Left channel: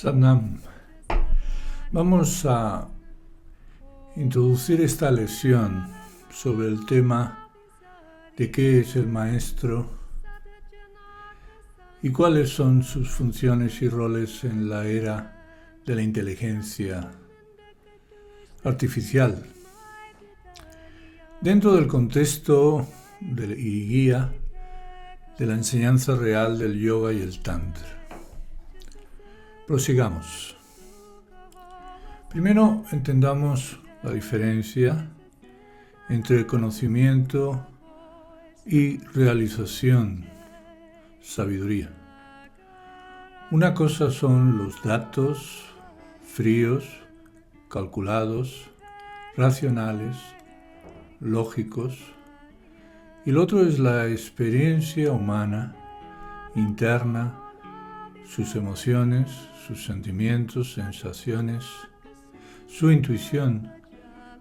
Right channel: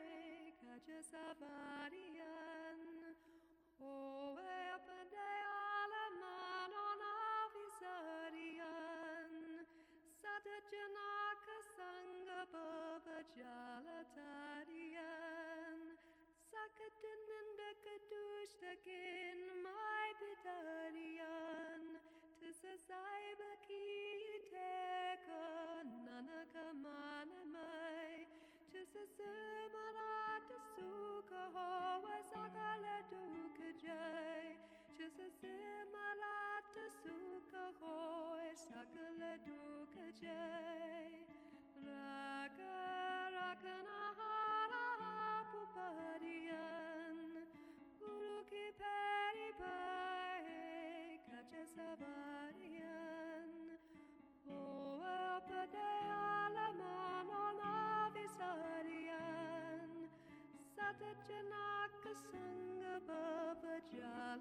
Satnam. Vamos a introducir esta lección sobre el tema de qué es el maestro y cuáles son sus funciones y roles en la era de la inteligencia artificial. Dentro del contexto y guía de la enseñanza real del yoga y el tantra. Prosigamos. Primero entendamos la diferencia entre conocimiento y realización, sabiduría. Una cosa son los datos fríos, calculados, racionales, lógicos, y lo otro es la experiencia humana, interna, sus emociones, sus sentimientos, sensaciones, su intuición,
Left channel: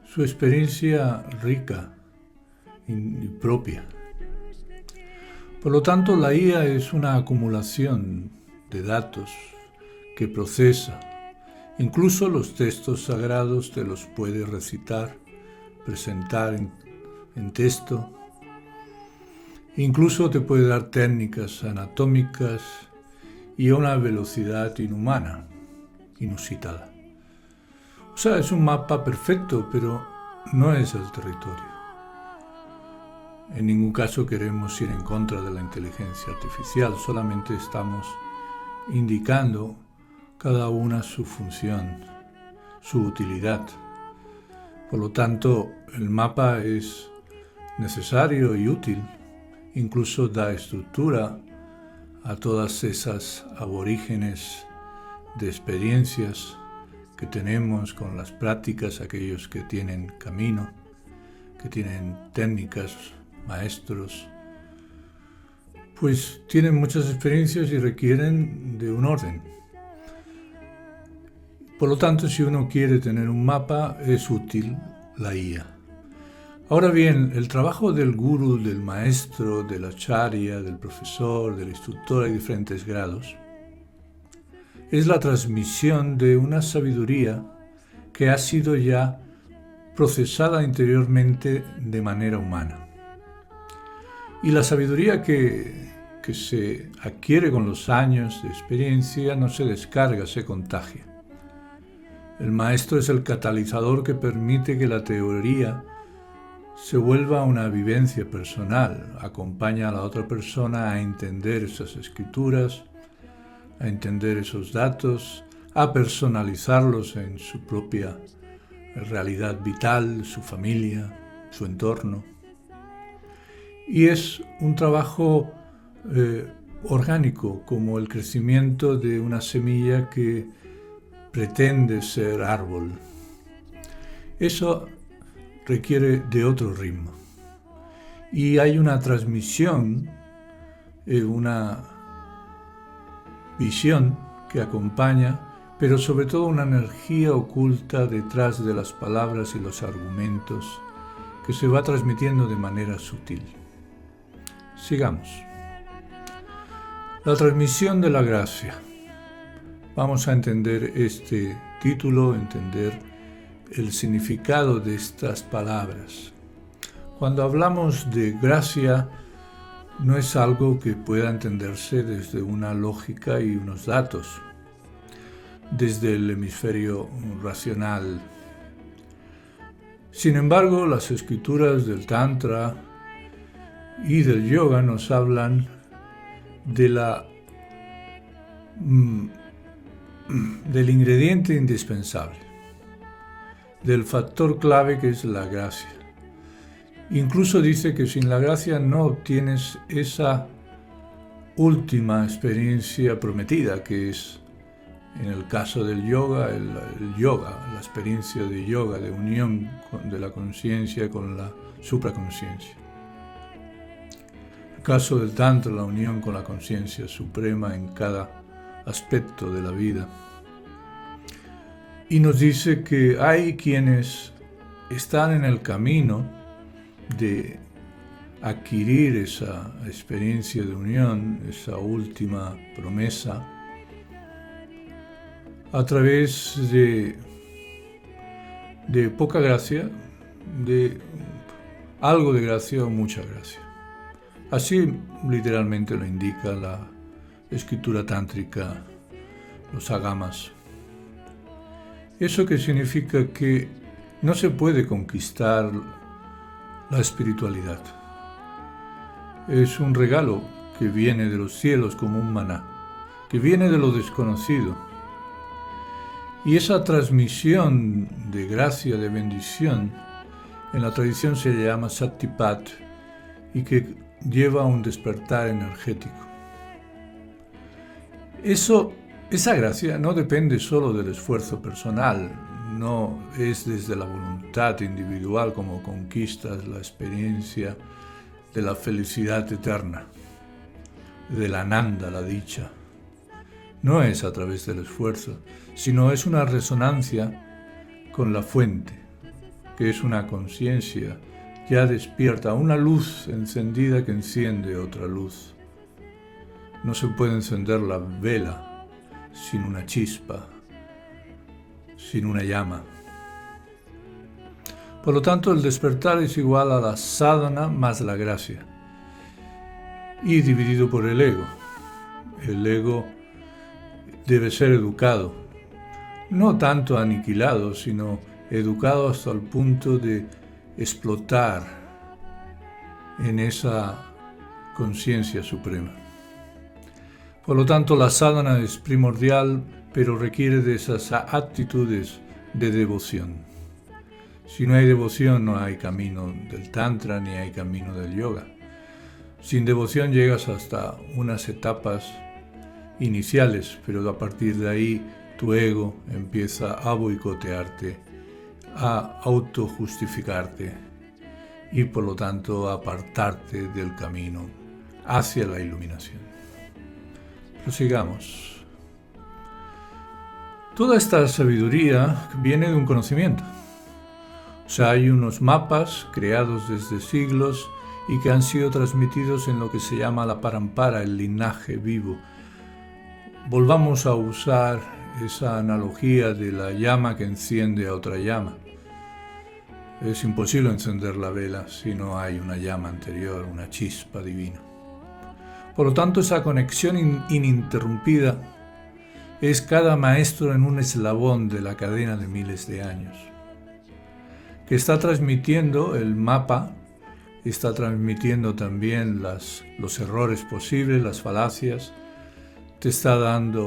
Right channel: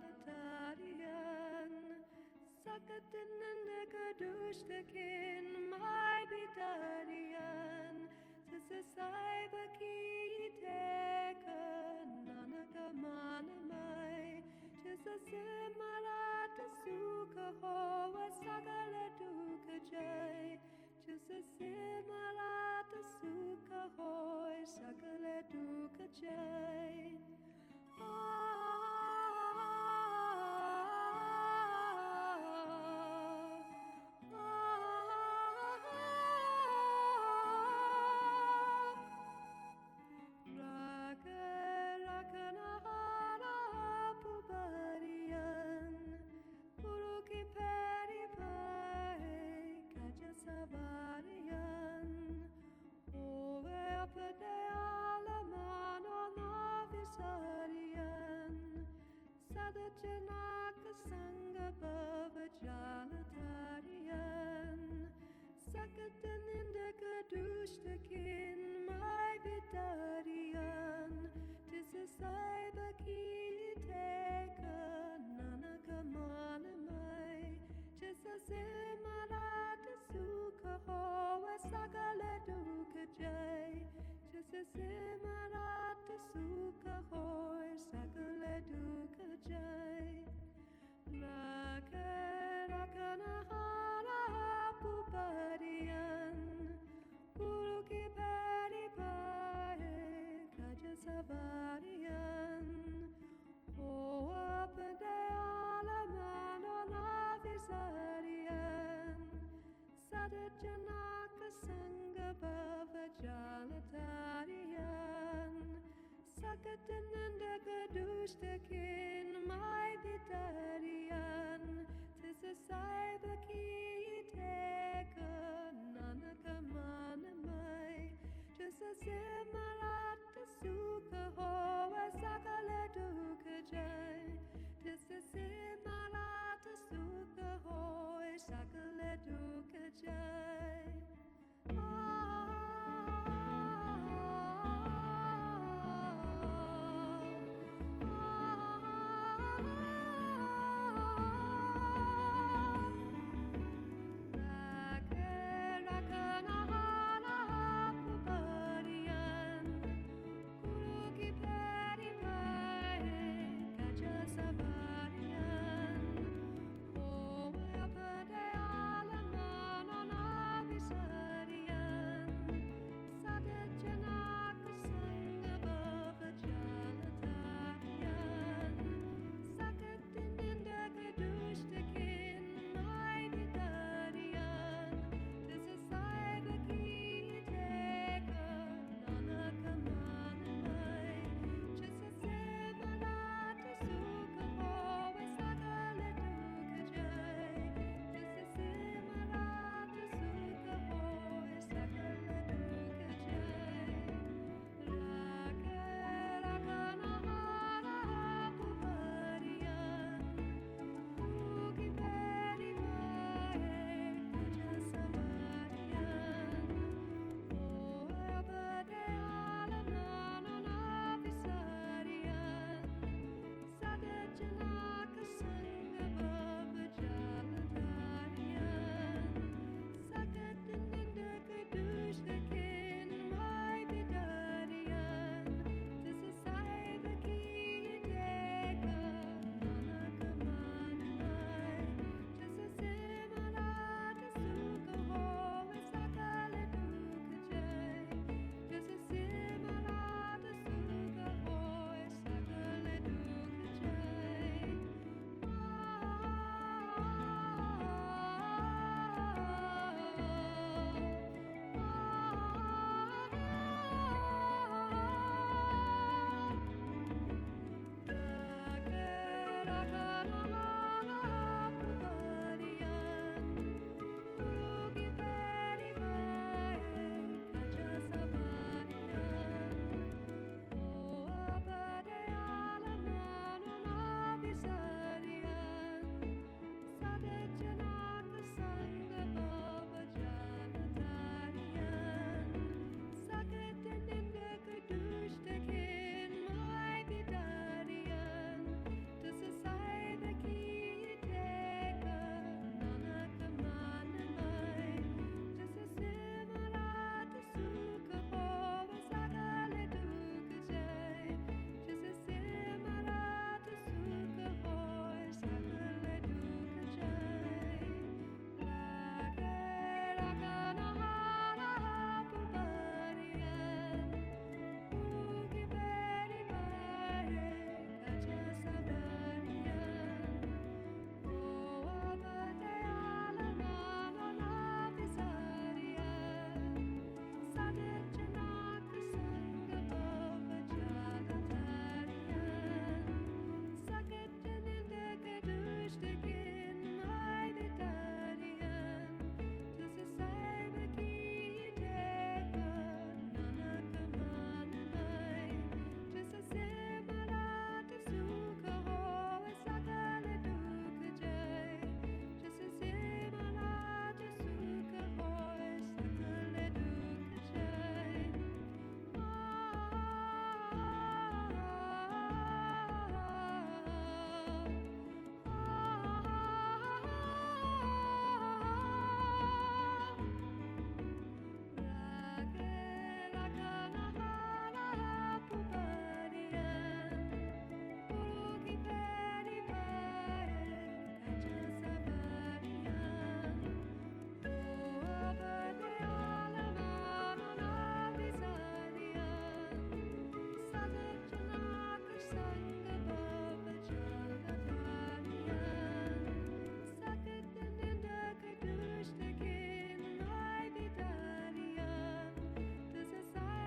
su experiencia rica y propia. Por lo tanto, la IA es una acumulación de datos que procesa. Incluso los textos sagrados te los puede recitar, presentar en texto. Incluso te puede dar técnicas anatómicas y a una velocidad inhumana, inusitada. O sea, es un mapa perfecto, pero no es el territorio. En ningún caso queremos ir en contra de la inteligencia artificial, solamente estamos indicando cada una su función, su utilidad. Por lo tanto, el mapa es necesario y útil, incluso da estructura a todas esas aborígenes de experiencias que tenemos con las prácticas, aquellos que tienen camino, que tienen técnicas, maestros, pues tienen muchas experiencias y requieren de un orden. Por lo tanto, si uno quiere tener un mapa, es útil la IA. Ahora bien, el trabajo del gurú, del maestro, del acharya, del profesor, del instructor, hay diferentes grados, es la transmisión de una sabiduría que ha sido ya procesada interiormente de manera humana. Y la sabiduría que se adquiere con los años de experiencia no se descarga, se contagia. El maestro es el catalizador que permite que la teoría se vuelva una vivencia personal, acompaña a la otra persona a entender esas escrituras, a entender esos datos, a personalizarlos en su propia realidad vital, su familia, su entorno. Y es un trabajo orgánico, como el crecimiento de una semilla que pretende ser árbol. Eso requiere de otro ritmo. Y hay una transmisión, una visión que acompaña, pero sobre todo una energía oculta detrás de las palabras y los argumentos que se va transmitiendo de manera sutil. Sigamos. La transmisión de la gracia. Vamos a entender este título, entender el significado de estas palabras. Cuando hablamos de gracia, no es algo que pueda entenderse desde una lógica y unos datos, desde el hemisferio racional. Sin embargo, las escrituras del Tantra y del yoga nos hablan del ingrediente indispensable, del factor clave que es la gracia. Incluso dice que sin la gracia no obtienes esa última experiencia prometida, que es, en el caso del yoga, el yoga, la experiencia de yoga, de unión de la conciencia con la supraconsciencia. El caso del Tantra, la unión con la conciencia suprema en cada aspecto de la vida. Y nos dice que hay quienes están en el camino de adquirir esa experiencia de unión, esa última promesa, a través de poca gracia, de algo de gracia o mucha gracia. Así literalmente lo indica la escritura tántrica, los agamas. Eso que significa que no se puede conquistar la espiritualidad. Es un regalo que viene de los cielos como un maná, que viene de lo desconocido. Y esa transmisión de gracia, de bendición, en la tradición se llama Sattipat y que lleva a un despertar energético. Esa gracia no depende solo del esfuerzo personal, no es desde la voluntad individual como conquistas la experiencia de la felicidad eterna, de la ananda, la dicha. No es a través del esfuerzo, sino es una resonancia con la fuente, que es una conciencia ya despierta, una luz encendida que enciende otra luz. No se puede encender la vela sin una chispa, sin una llama. Por lo tanto, el despertar es igual a la sadhana más la gracia, y dividido por el ego. El ego debe ser educado, no tanto aniquilado, sino educado hasta el punto de explotar en esa conciencia suprema. Por lo tanto, la sadhana es primordial, pero requiere de esas actitudes de devoción. Si no hay devoción, no hay camino del tantra ni hay camino del yoga. Sin devoción llegas hasta unas etapas iniciales, pero a partir de ahí tu ego empieza a boicotearte, a autojustificarte y por lo tanto a apartarte del camino hacia la iluminación. Prosigamos. Toda esta sabiduría viene de un conocimiento. O sea, hay unos mapas creados desde siglos y que han sido transmitidos en lo que se llama la parampara, el linaje vivo. Volvamos a usar esa analogía de la llama que enciende a otra llama. Es imposible encender la vela si no hay una llama anterior, una chispa divina. Por lo tanto, esa conexión ininterrumpida es cada maestro en un eslabón de la cadena de miles de años, que está transmitiendo el mapa, está transmitiendo también los errores posibles, las falacias, te está dando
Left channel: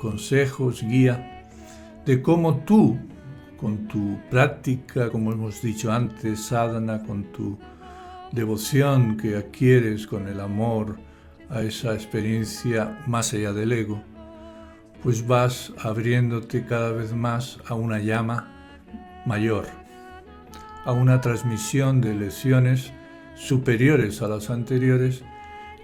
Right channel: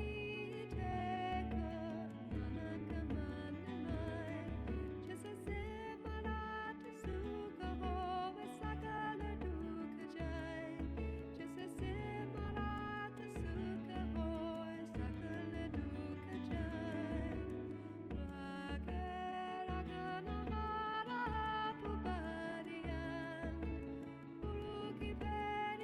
consejos, guía de cómo tú, con tu práctica, como hemos dicho antes, sadhana, con tu devoción que adquieres con el amor a esa experiencia más allá del ego, pues vas abriéndote cada vez más a una llama mayor, a una transmisión de lecciones superiores a las anteriores,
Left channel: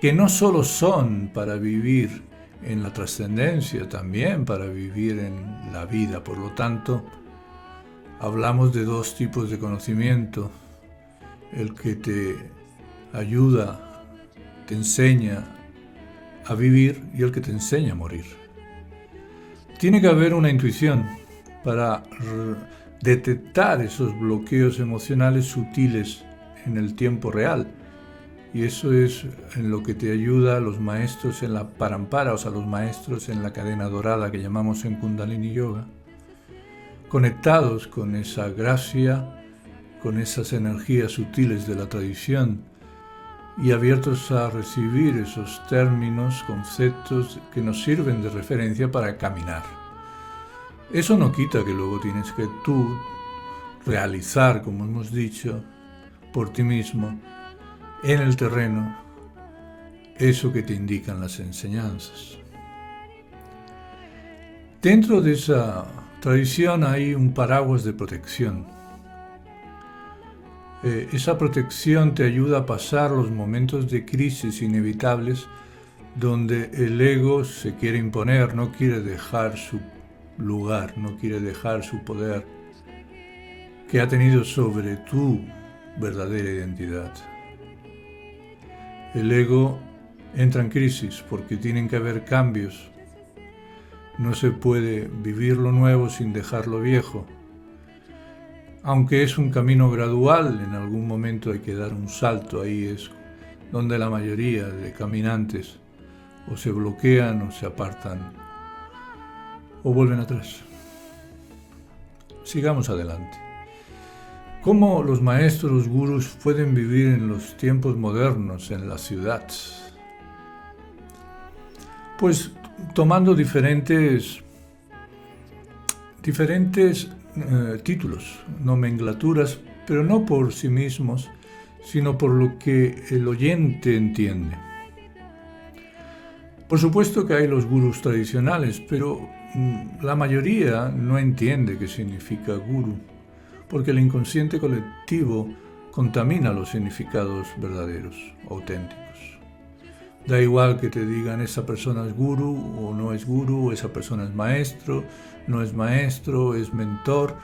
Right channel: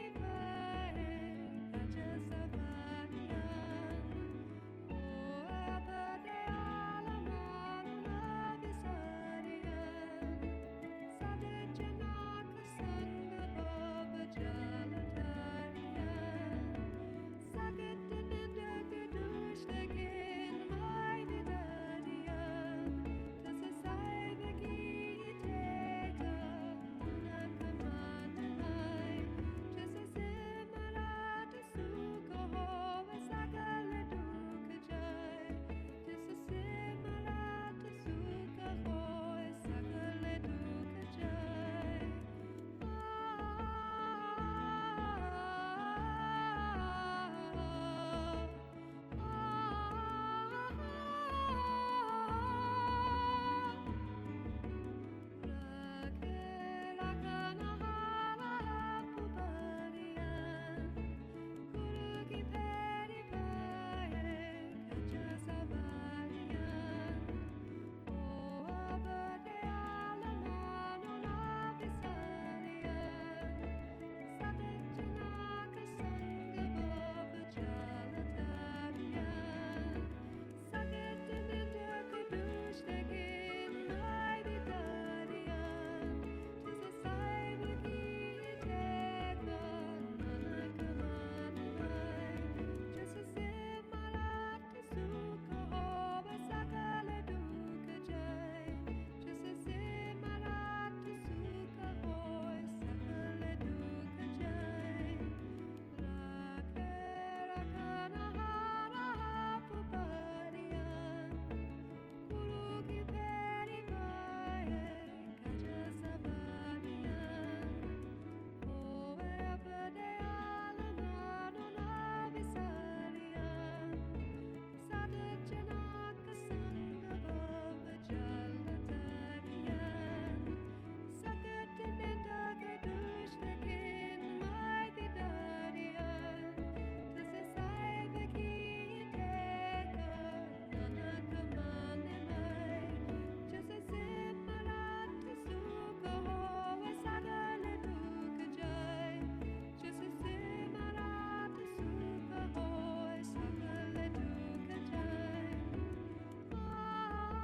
que no solo son para vivir en la trascendencia, también para vivir en la vida. Por lo tanto, hablamos de dos tipos de conocimiento: el que te ayuda, te enseña a vivir, y el que te enseña a morir. Tiene que haber una intuición para detectar esos bloqueos emocionales sutiles en el tiempo real. Y eso es en lo que te ayuda a los maestros en la parampara, o sea, los maestros en la cadena dorada que llamamos en Kundalini Yoga, conectados con esa gracia, con esas energías sutiles de la tradición y abiertos a recibir esos términos, conceptos que nos sirven de referencia para caminar. Eso no quita que luego tienes que tú realizar, como hemos dicho, por ti mismo, en el terreno, eso que te indican las enseñanzas. Dentro de esa tradición hay un paraguas de protección. Esa protección te ayuda a pasar los momentos de crisis inevitables donde el ego se quiere imponer, no quiere dejar su lugar, no quiere dejar su poder que ha tenido sobre tu verdadera identidad. El ego entra en crisis porque tienen que haber cambios No se puede vivir lo nuevo sin dejar lo viejo. Aunque es un camino gradual, en algún momento hay que dar un salto. Ahí es donde la mayoría de caminantes o se bloquean o se apartan o vuelven atrás. Sigamos adelante. ¿Cómo los maestros gurús pueden vivir en los tiempos modernos en la ciudad? Pues tomando diferentes títulos, nomenclaturas, pero no por sí mismos, sino por lo que el oyente entiende. Por supuesto que hay los gurús tradicionales, pero la mayoría no entiende qué significa gurú, porque el inconsciente colectivo contamina los significados verdaderos, auténticos. Da igual que te digan esa persona es gurú o no es gurú, esa persona es maestro, no es maestro, es mentor.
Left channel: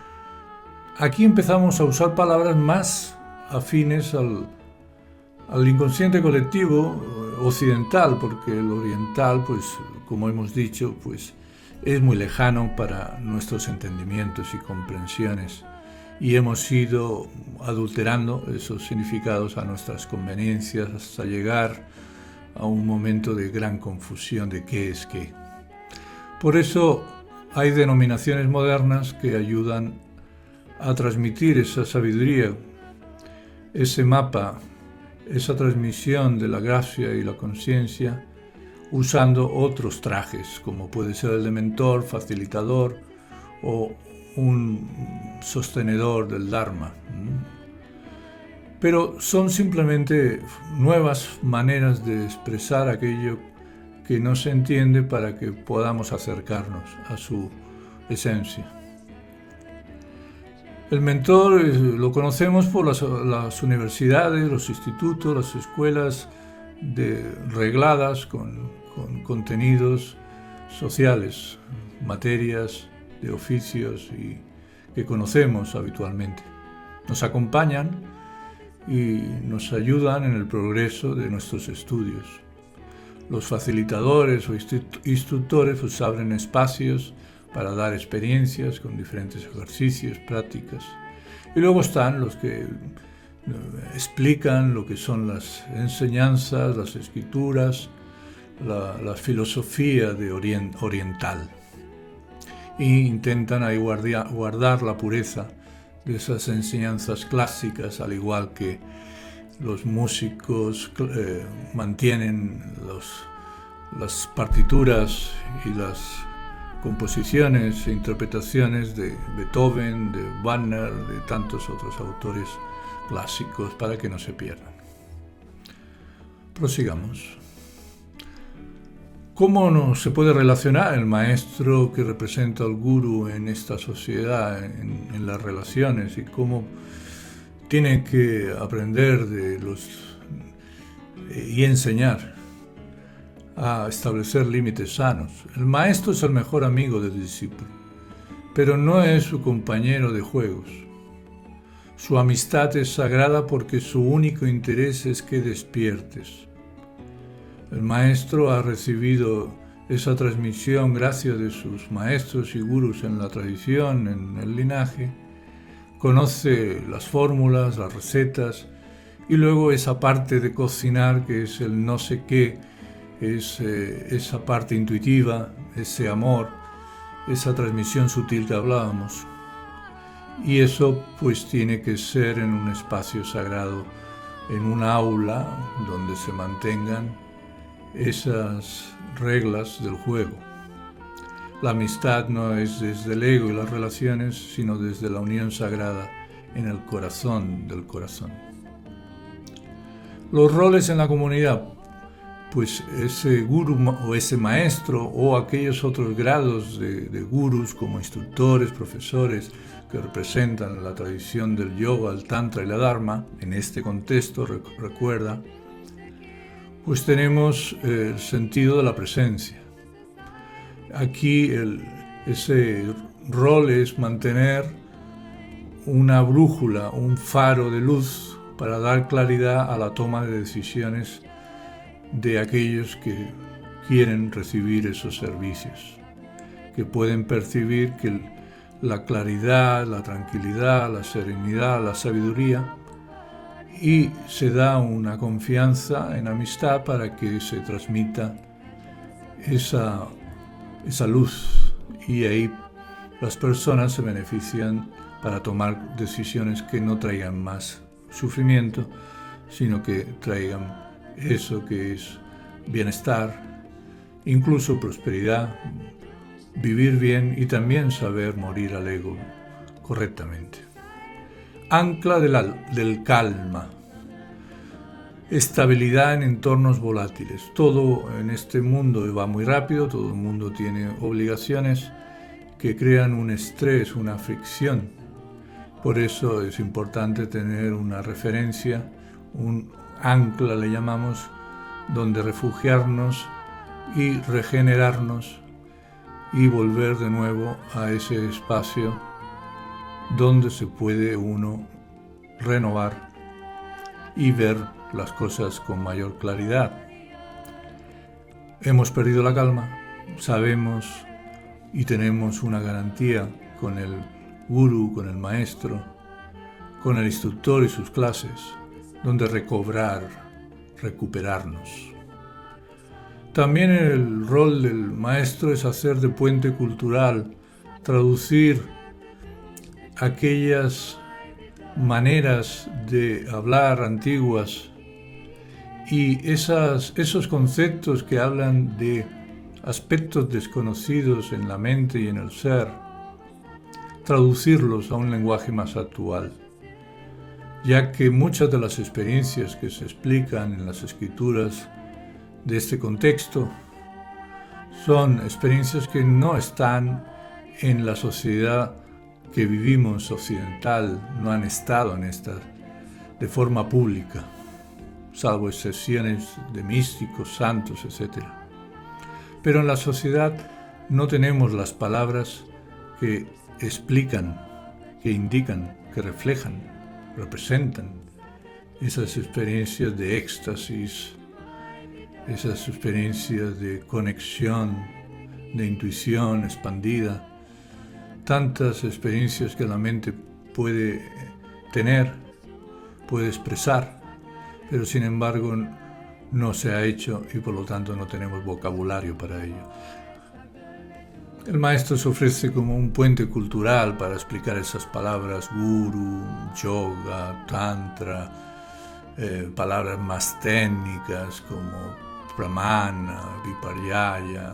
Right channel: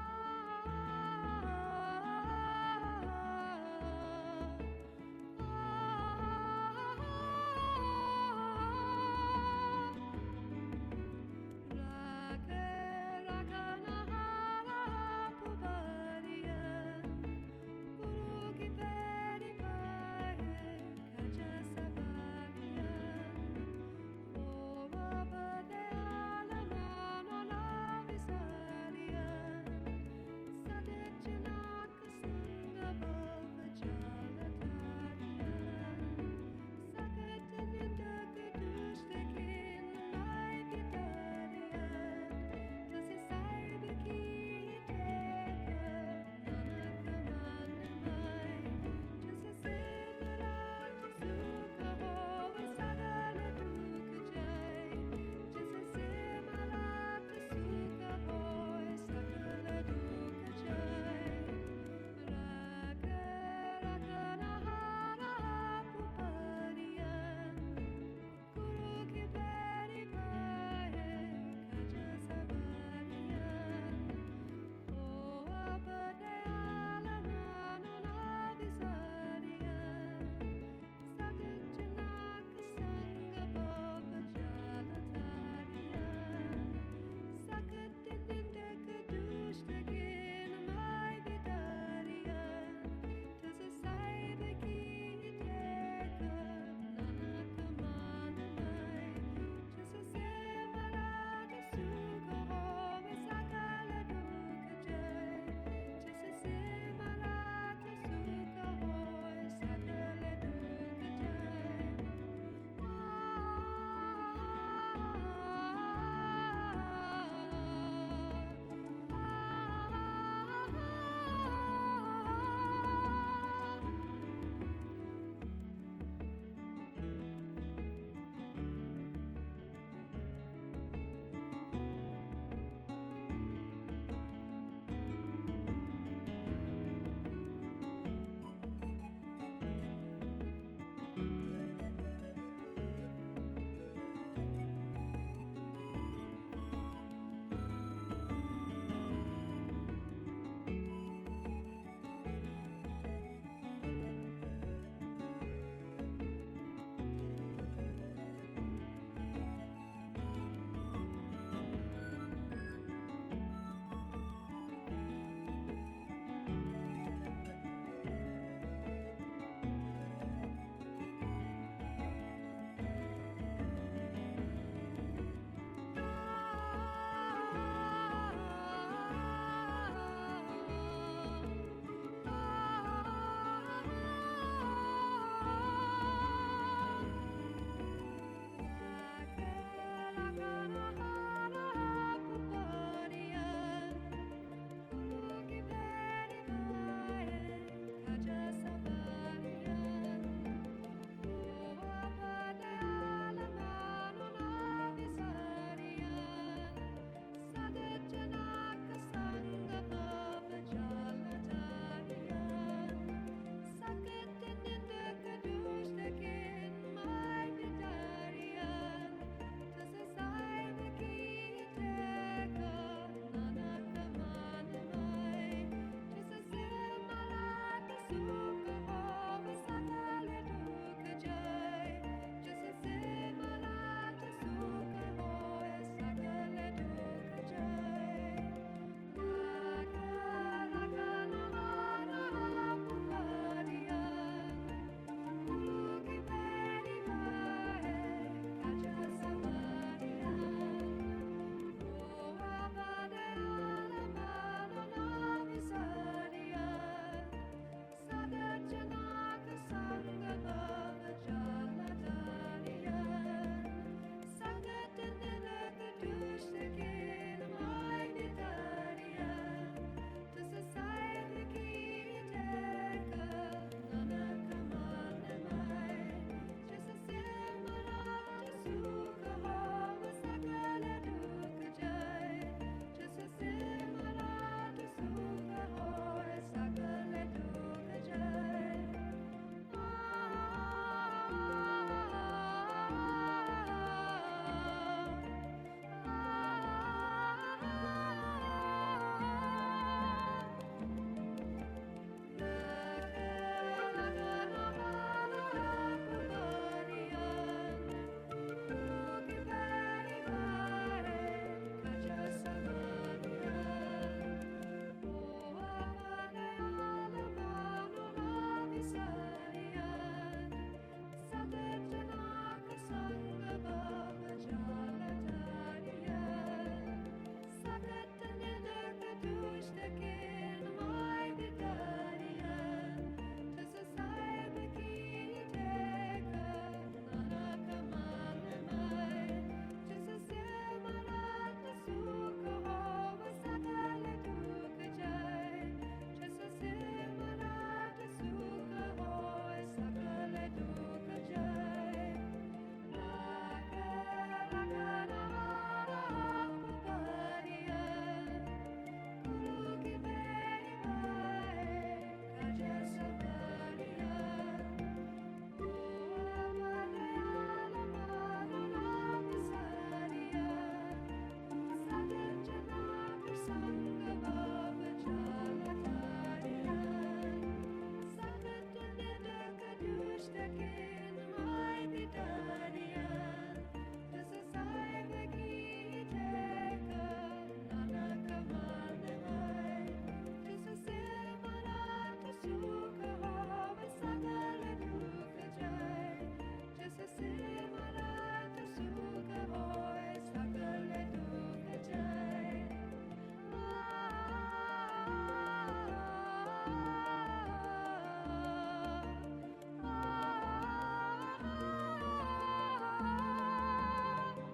Aquí empezamos a usar palabras más afines al inconsciente colectivo occidental, porque el oriental, pues como hemos dicho, pues es muy lejano para nuestros entendimientos y comprensiones, y hemos ido adulterando esos significados a nuestras conveniencias hasta llegar a un momento de gran confusión de qué es qué. Por eso hay denominaciones modernas que ayudan a transmitir esa sabiduría, ese mapa, esa transmisión de la gracia y la conciencia usando otros trajes, como puede ser el de mentor, facilitador o un sostenedor del Dharma. Pero son simplemente nuevas maneras de expresar aquello que no se entiende para que podamos acercarnos a su esencia. El mentor lo conocemos por las universidades, los institutos, las escuelas regladas con contenidos sociales, materias de oficios que conocemos habitualmente. Nos acompañan y nos ayudan en el progreso de nuestros estudios. Los facilitadores o instructores pues abren espacios para dar experiencias con diferentes ejercicios, prácticas. Y luego están los que explican lo que son las enseñanzas, las escrituras, la filosofía oriental. E intentan ahí guardar la pureza de esas enseñanzas clásicas, al igual que los músicos mantienen las partituras y las composiciones e interpretaciones de Beethoven, de Wagner, de tantos otros autores clásicos para que no se pierdan. Prosigamos. ¿Cómo se puede relacionar el maestro que representa al gurú en esta sociedad, en las relaciones, y cómo tiene que aprender y enseñar a establecer límites sanos? El maestro es el mejor amigo del discípulo, pero no es su compañero de juegos. Su amistad es sagrada porque su único interés es que despiertes. El maestro ha recibido esa transmisión gracias de sus maestros y gurús en la tradición, en el linaje. Conoce las fórmulas, las recetas, y luego esa parte de cocinar que es el no sé qué, es esa parte intuitiva, ese amor, esa transmisión sutil que hablábamos. Y eso pues tiene que ser en un espacio sagrado, en un aula donde se mantengan esas reglas del juego. La amistad no es desde el ego y las relaciones, sino desde la unión sagrada en el corazón del corazón. Los roles en la comunidad, pues ese gurú o ese maestro o aquellos otros grados de gurús como instructores, profesores que representan la tradición del yoga, el tantra y la dharma, en este contexto, recuerda, pues tenemos el sentido de la presencia. Aquí ese rol es mantener una brújula, un faro de luz para dar claridad a la toma de decisiones de aquellos que quieren recibir esos servicios. que pueden percibir que la claridad, la tranquilidad, la serenidad, la sabiduría, y se da una confianza en amistad para que se transmita esa luz, y ahí las personas se benefician para tomar decisiones que no traigan más sufrimiento, sino que traigan eso que es bienestar, incluso prosperidad, vivir bien y también saber morir al ego correctamente. Ancla del calma. Estabilidad en entornos volátiles. Todo en este mundo va muy rápido, todo el mundo tiene obligaciones que crean un estrés, una fricción. Por eso es importante tener una referencia, un ancla le llamamos, donde refugiarnos y regenerarnos y volver de nuevo a ese espacio donde se puede uno renovar y ver las cosas con mayor claridad. Hemos perdido la calma, sabemos y tenemos una garantía con el gurú, con el maestro, con el instructor y sus clases, donde recobrar, recuperarnos. También el rol del maestro es hacer de puente cultural, traducir aquellas maneras de hablar antiguas y esos conceptos que hablan de aspectos desconocidos en la mente y en el ser, traducirlos a un lenguaje más actual, ya que muchas de las experiencias que se explican en las escrituras de este contexto son experiencias que no están en la sociedad que vivimos occidental, no han estado en esta de forma pública, salvo excepciones de místicos, santos, etc. Pero en la sociedad no tenemos las palabras que explican, que indican, que reflejan, representan esas experiencias de éxtasis, esas experiencias de conexión, de intuición expandida, tantas experiencias que la mente puede tener, puede expresar, pero sin embargo no se ha hecho y por lo tanto no tenemos vocabulario para ello. El maestro se ofrece como un puente cultural para explicar esas palabras guru, yoga, tantra, palabras más técnicas como pramana, viparyaya,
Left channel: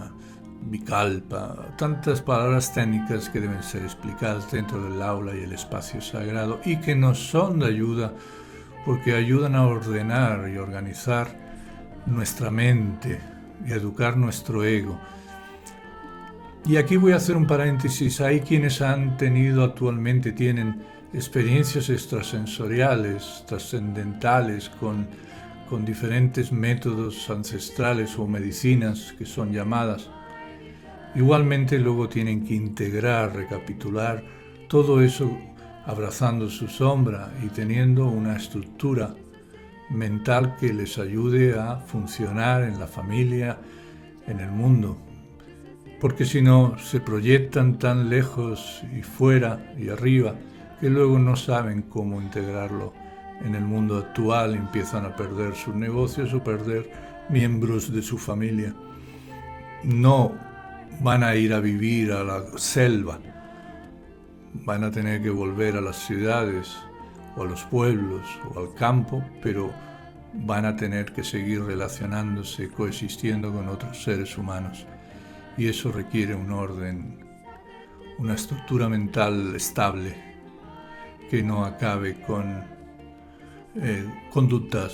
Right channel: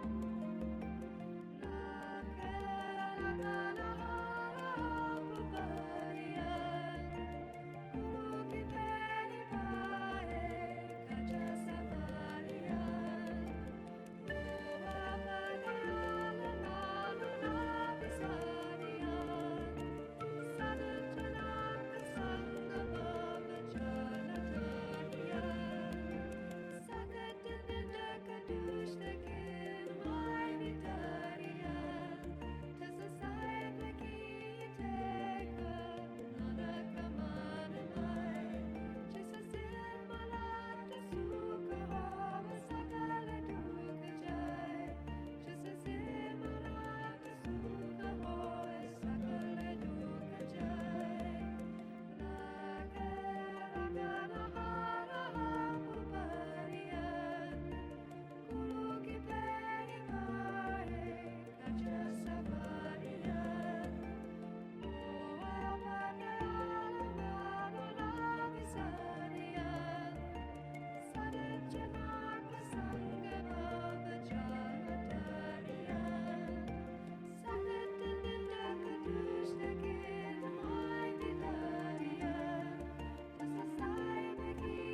vikalpa, tantas palabras técnicas que deben ser explicadas dentro del aula y el espacio sagrado y que nos son de ayuda porque ayudan a ordenar y organizar nuestra mente y educar nuestro ego. Y aquí voy a hacer un paréntesis. Hay quienes tienen experiencias extrasensoriales, trascendentales, con diferentes métodos ancestrales o medicinas que son llamadas. Igualmente luego tienen que integrar, recapitular todo eso abrazando su sombra y teniendo una estructura mental que les ayude a funcionar en la familia, en el mundo. Porque si no, se proyectan tan lejos y fuera y arriba que luego no saben cómo integrarlo en el mundo actual, empiezan a perder sus negocios o perder miembros de su familia. No van a ir a vivir a la selva, van a tener que volver a las ciudades o a los pueblos o al campo, pero van a tener que seguir relacionándose, coexistiendo con otros seres humanos. Y eso requiere un orden, una estructura mental estable que no acabe con conductas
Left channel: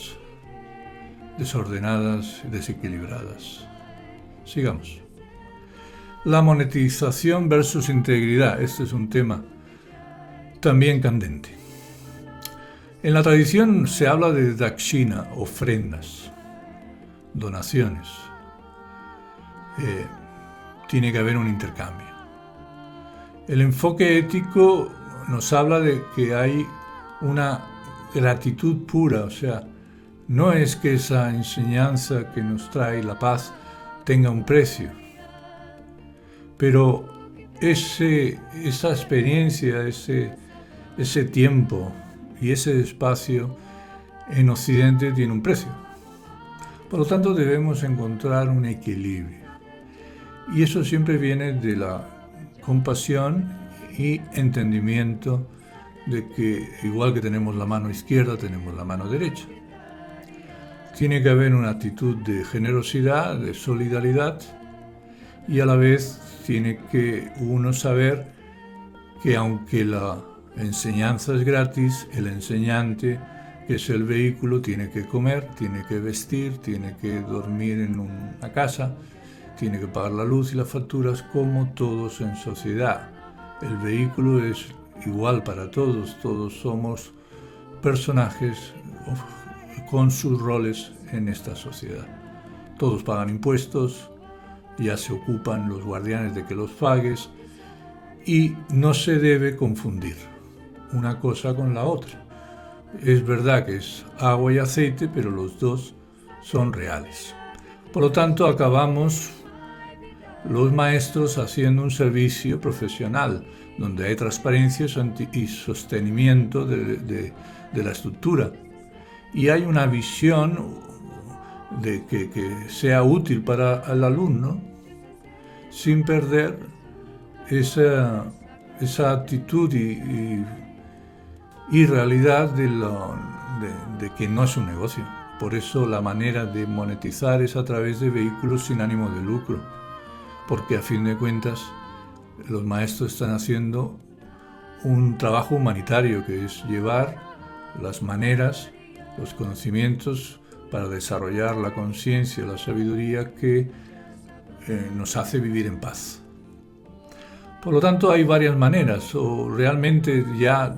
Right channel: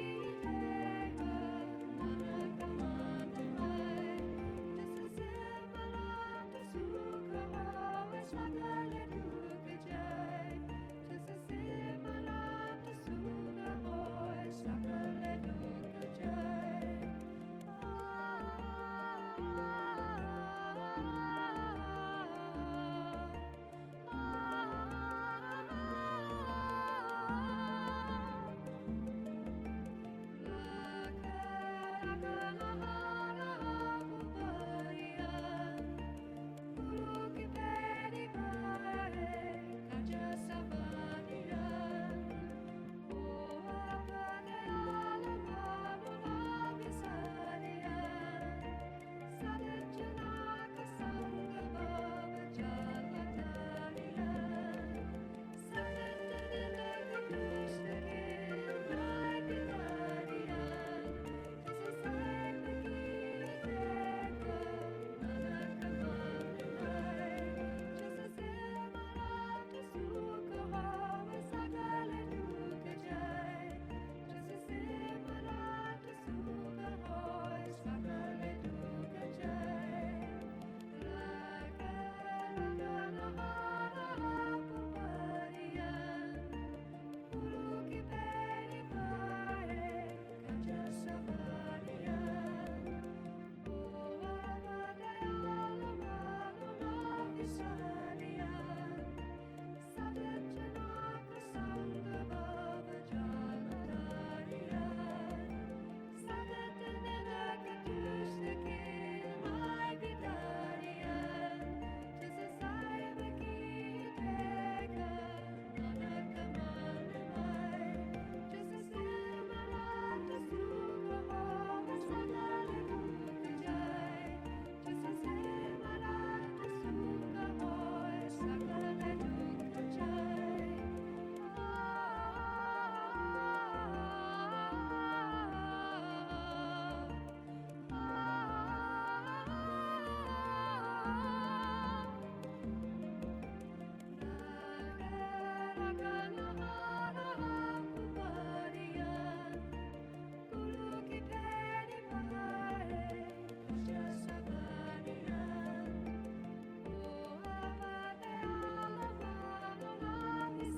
desordenadas, desequilibradas. Sigamos. La monetización versus integridad. Este es un tema también candente. En la tradición se habla de dakshina, ofrendas, donaciones. Tiene que haber un intercambio. El enfoque ético nos habla de que hay una gratitud pura, o sea, no es que esa enseñanza que nos trae la paz tenga un precio, pero esa experiencia, ese tiempo y ese espacio en Occidente tiene un precio. Por lo tanto, debemos encontrar un equilibrio. Y eso siempre viene de la compasión y entendimiento de que igual que tenemos la mano izquierda, tenemos la mano derecha. Tiene que haber una actitud de generosidad, de solidaridad, y a la vez tiene que uno saber que aunque la enseñanza es gratis, el enseñante, que es el vehículo, tiene que comer, tiene que vestir, tiene que dormir en una casa, tiene que pagar la luz y las facturas como todos en sociedad. El vehículo es igual para todos, todos somos personajes con sus roles en esta sociedad. Todos pagan impuestos, ya se ocupan los guardianes de que los pagues, y no se debe confundir una cosa con la otra. Es verdad que es agua y aceite, pero los dos son reales. Por lo tanto, acabamos los maestros haciendo un servicio profesional, donde hay transparencia y sostenimiento de la estructura. Y hay una visión de que sea útil para el alumno, sin perder esa actitud y realidad de que no es un negocio. Por eso la manera de monetizar es a través de vehículos sin ánimo de lucro, porque a fin de cuentas los maestros están haciendo un trabajo humanitario, que es llevar las maneras, los conocimientos para desarrollar la conciencia, la sabiduría que nos hace vivir en paz. Por lo tanto, hay varias maneras. O realmente ya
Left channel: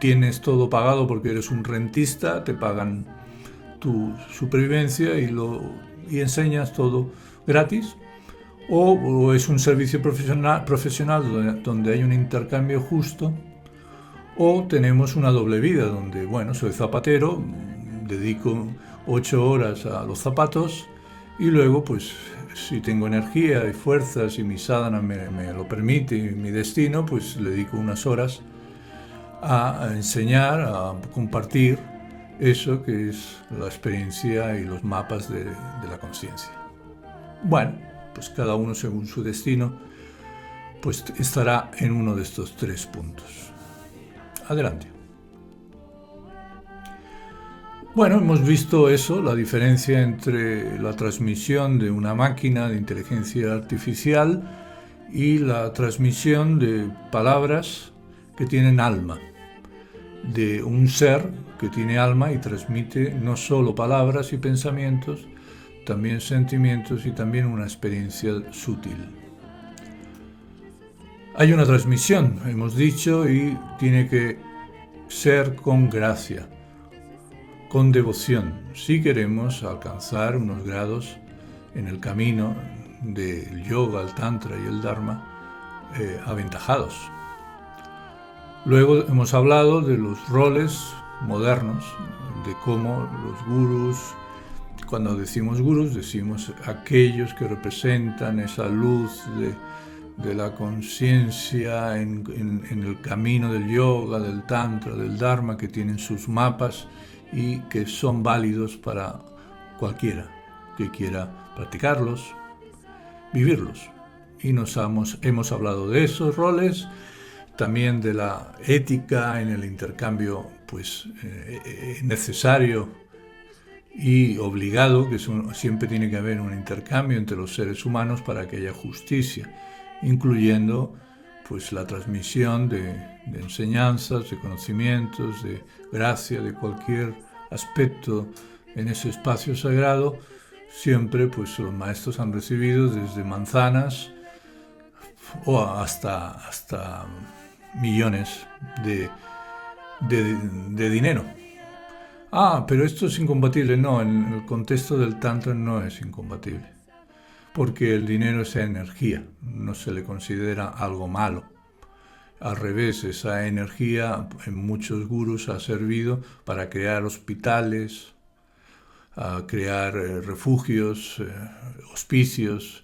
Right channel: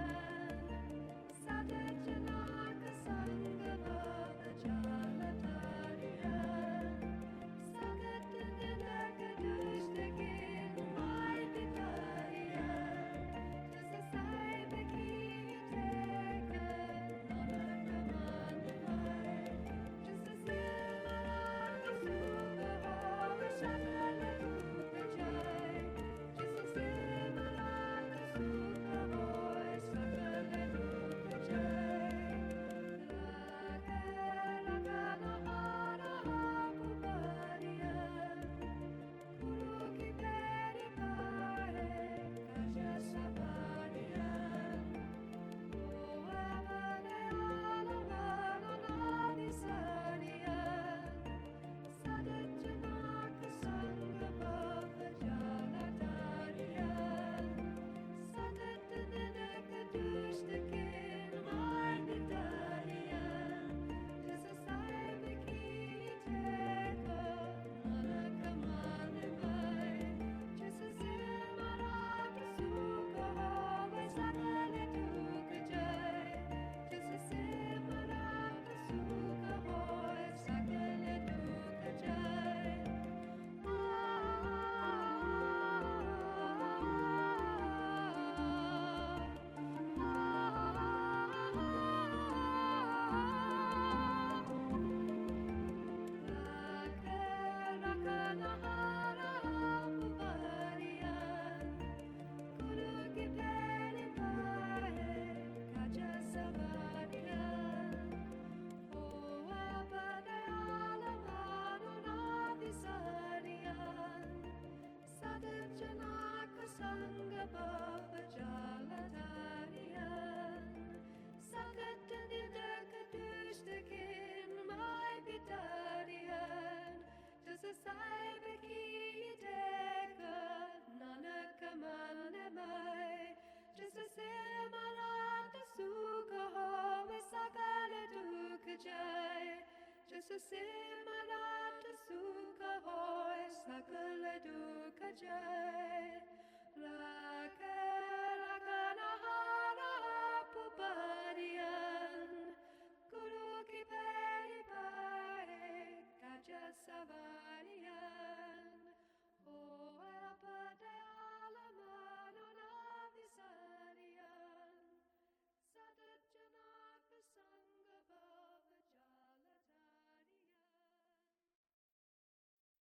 tienes todo pagado porque eres un rentista, te pagan tu supervivencia y enseñas todo gratis. O es un servicio profesional donde hay un intercambio justo. O tenemos una doble vida donde, bueno, soy zapatero, dedico 8 horas a los zapatos y luego, pues, si tengo energía y fuerzas y mi sadhana me lo permite y mi destino, pues le dedico unas horas a enseñar, a compartir eso que es la experiencia y los mapas de la conciencia. Bueno, pues cada uno según su destino, pues estará en uno de estos 3 puntos. Adelante. Bueno, hemos visto eso, la diferencia entre la transmisión de una máquina de inteligencia artificial y la transmisión de palabras que tienen alma, de un ser que tiene alma y transmite no solo palabras y pensamientos, también sentimientos y también una experiencia sutil. Hay una transmisión, hemos dicho, y tiene que ser con gracia, con devoción, si queremos alcanzar unos grados en el camino del yoga, el tantra y el dharma aventajados. Luego hemos hablado de los roles modernos, de cómo los gurús, cuando decimos gurús, decimos aquellos que representan esa luz de la conciencia en el camino del yoga, del tantra, del dharma, que tienen sus mapas y que son válidos para cualquiera que quiera practicarlos, vivirlos. Y hemos hablado de esos roles, también de la ética en el intercambio pues, necesario y obligado, que siempre tiene que haber un intercambio entre los seres humanos para que haya justicia, incluyendo pues, la transmisión de enseñanzas, de conocimientos, de gracia, de cualquier aspecto en ese espacio sagrado. Siempre pues, los maestros han recibido desde manzanas o hasta millones de dinero. Pero esto es incompatible. No, en el contexto del Tantra no es incompatible, porque el dinero es energía, no se le considera algo malo. Al revés, esa energía en muchos gurús ha servido para crear hospitales, a crear refugios, hospicios,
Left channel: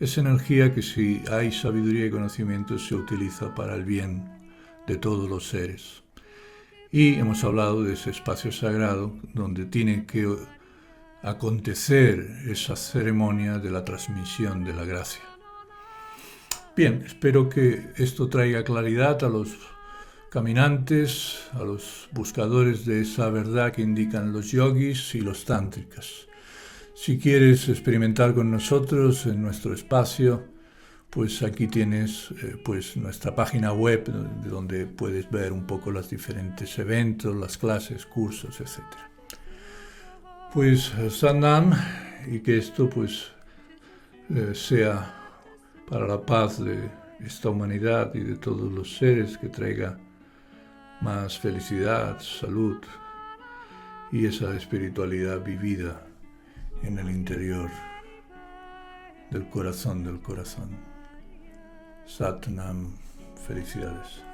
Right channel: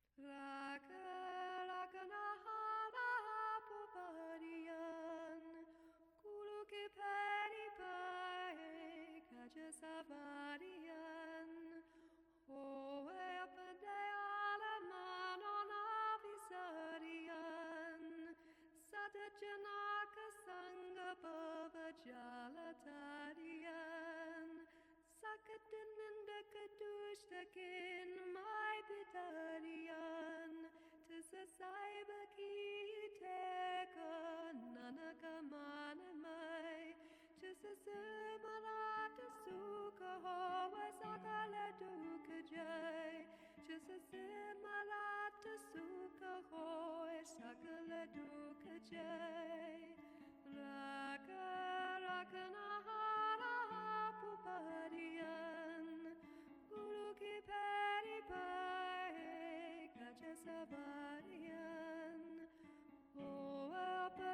Es energía que, si hay sabiduría y conocimiento, se utiliza para el bien de todos los seres. Y hemos hablado de ese espacio sagrado donde tiene que acontecer esa ceremonia de la transmisión de la gracia. Bien, espero que esto traiga claridad a los caminantes, a los buscadores de esa verdad que indican los yogis y los tántricas. Si quieres experimentar con nosotros en nuestro espacio, pues aquí tienes pues nuestra página web donde puedes ver un poco los diferentes eventos, las clases, cursos, etc. Pues Sannam, y que esto pues sea para la paz de esta humanidad y de todos los seres, que traiga más felicidad, salud y esa espiritualidad vivida en el interior del corazón del corazón. Satnam, felicidades.